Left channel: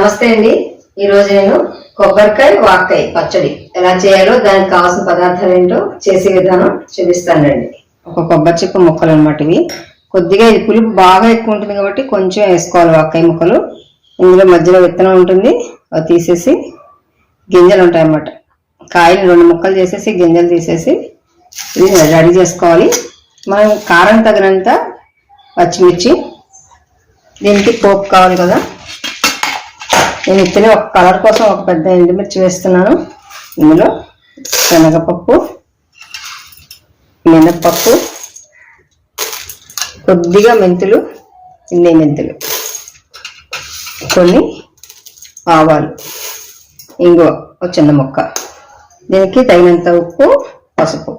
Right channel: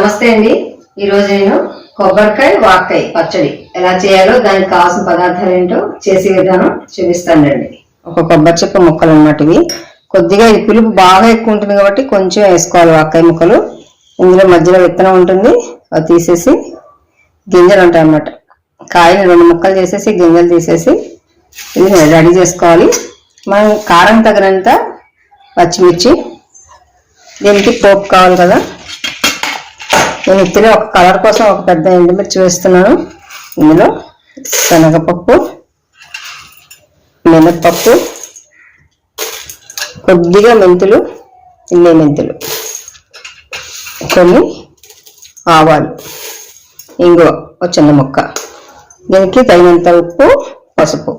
నమస్తే అండి. ఈరోజు నేను కొబ్బరికాయ వాక్కాయ పచ్చడి. ఎలా చేయాలో దానికి కావాల్సిన పదార్థాలు ఏంటో చేసే విధానం చూపిస్తానండి. ఒక కొబ్బరి చెక్క ముక్కలు అనమాట ఇవి. కొద్దిగా ఇది పులుపు బాగా ఎక్కువ ఉంటుంది కాబట్టి కొంచెం వేసుకోవాలి వాక్కాయ ముక్కలు. ఇందులో మధ్యలో విత్తనం ఉంటుంది. అది తీసేసి గింజలు ఉంటాయి అన్నమాట. కాయలు రెండు ముక్కలు చేసేసి గింజలు తీసేసి ఇది రెడీ చేసుకోవాలి. మనం కారం తగినంత పచ్చిమిర్చి దీనికి పోపు కావాలి కదా. నేను ఇచ్చిన ఒక కలర్ కోసం ఒక పెద్ద ఎండుమిర్చి వేస్తున్నాను. ఇందులో శనగపప్పు మినప్పప్పు కొద్దిగా మెంతులు ఇన్ని మెంతులు కొన్ని ఆవాలు. ఇంగువ ఒక చిన్న ముక్క. దీనికి తగినంత ఉప్పు పసుపు.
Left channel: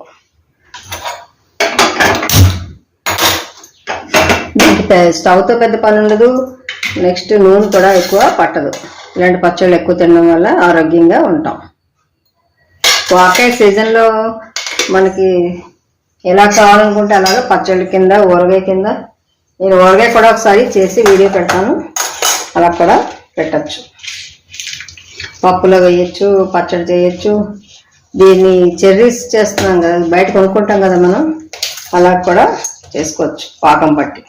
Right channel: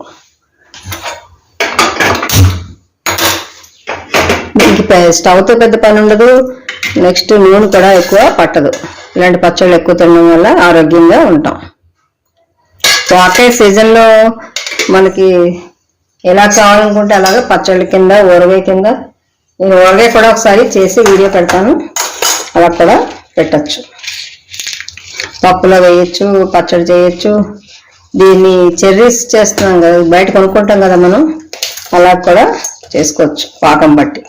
దీనికి స్టవ్తో పెద్ద పని ఉండదు. నెక్స్ట్ నూనె కూడా ఎక్కువ పట్టదు. ఇలాంటి పచ్చళ్ళు ఎక్కువ తినడం వల్ల ఆరోగ్యంగా ఉంటాం. వాకాయ సీజన్లో మనకి ఎలా కావాలనుకుంటే అలాగే పచ్చళ్ళ కింద ఊరగాయ కింద నేను ఊరగాయ కూడా ఒకసారి చేసి వీడియో పెడతాను. అలా కూడా పెట్టచ్చు. పప్పులో వేయచ్చు పచ్చడి చేయొచ్చు. దీన్ని చెర్రీస్ చేస్తున్నాం కదా బయట కొనుక్కుంటాం కదా మనం అలా కూడా చేసుకోవచ్చు పాకం బట్టి.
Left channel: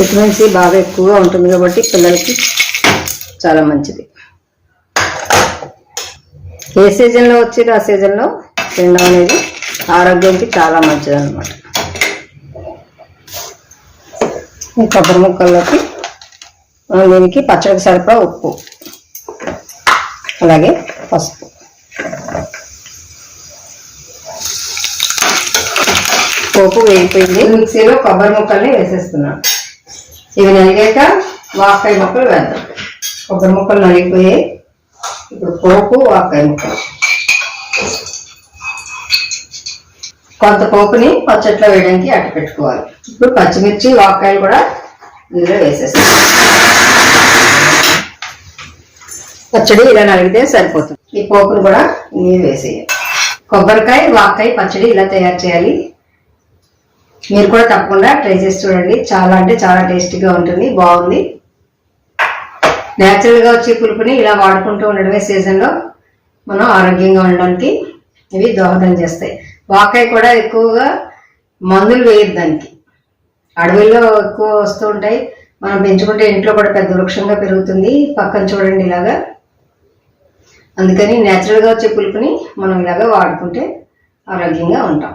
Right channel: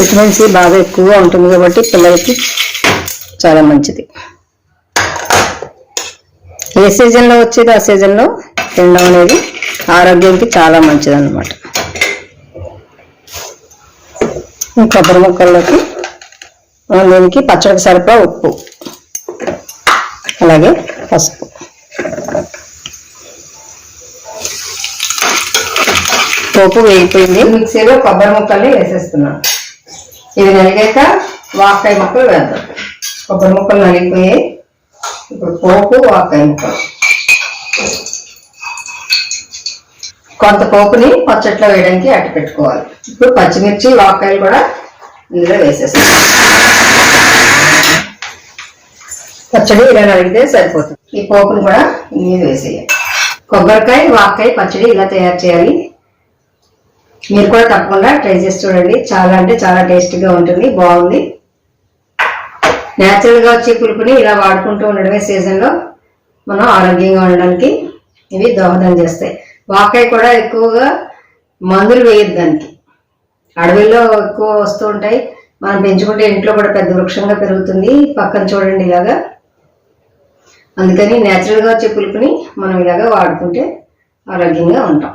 విటమిన్ సి బాగా ఎక్కువగా ఉంటుంది కాబట్టి పిల్లలకి చాలా మంచిది. ఏ సీజన్లో వచ్చేది? ఆ సీజన్లో తినడం అనేది ఆరోగ్యానికి చాలా మంచిది అనమాట కొబ్బరి ముక్కల్లోకి దీనికి పచ్చడికి సరిపడా ఉప్పు అలాగే పసుపు. పోపు వేగిపోయింది. మిక్సీలో కొబ్బరి ముక్కల్ని వేసేస్తున్నాను. ఇవి నలిగాక వాకాయ ముక్కలు వేద్దాం. కొబ్బరి ముక్కలు నలిగిపోయాయి. ఇప్పుడు పోపు వాకాయ ముక్కలు. కొంత పోపుని పచ్చట్లో వేయడానికి అట్టు పెట్టుకోవాలి. ఇప్పుడు పచ్చిమిర్చి వాకాయలు కూడా ఇందులో వేసేస్తాం. పచ్చడి ఇలా నలిగితే సరిపోతుంది. ఈ పోపును కూడా ఇందులో వేసేయాలి. కొబ్బరికాయ వాకాయ పచ్చడి ఇలా తయారు చేయాలి. మీరు కూడా తప్పకుండా ట్రై చేసి చూడండి. చాలా అంటే చాలా టేస్టీగా ఉంటుంది బాగుంది. న్యాచురల్గా వచ్చే పులుపుని ఇలా వాడుకుంటూ ఉండడమే సీజన్లో మనం ఆరోగ్యంగా ఉండడానికి ఇవి దోహదం చేస్తాయి. వాకాయ కూడా ఎక్కువగా మందులు వేయద్దు దానికి. అడవిలో ఎక్కువ వస్తూ ఉంటాయి. మనం పెంచుకుంటే ఇంట్లో కూడా పెద్ద వృక్షంగా పెరుగుతుంది. పక్కన చూడండి ఇలాగా. అందుకని న్యాచురల్గా వచ్చే పులుపుని మనం ఇలాగా వాడుకుంటే ఆరోగ్యంగా ఉంటాం.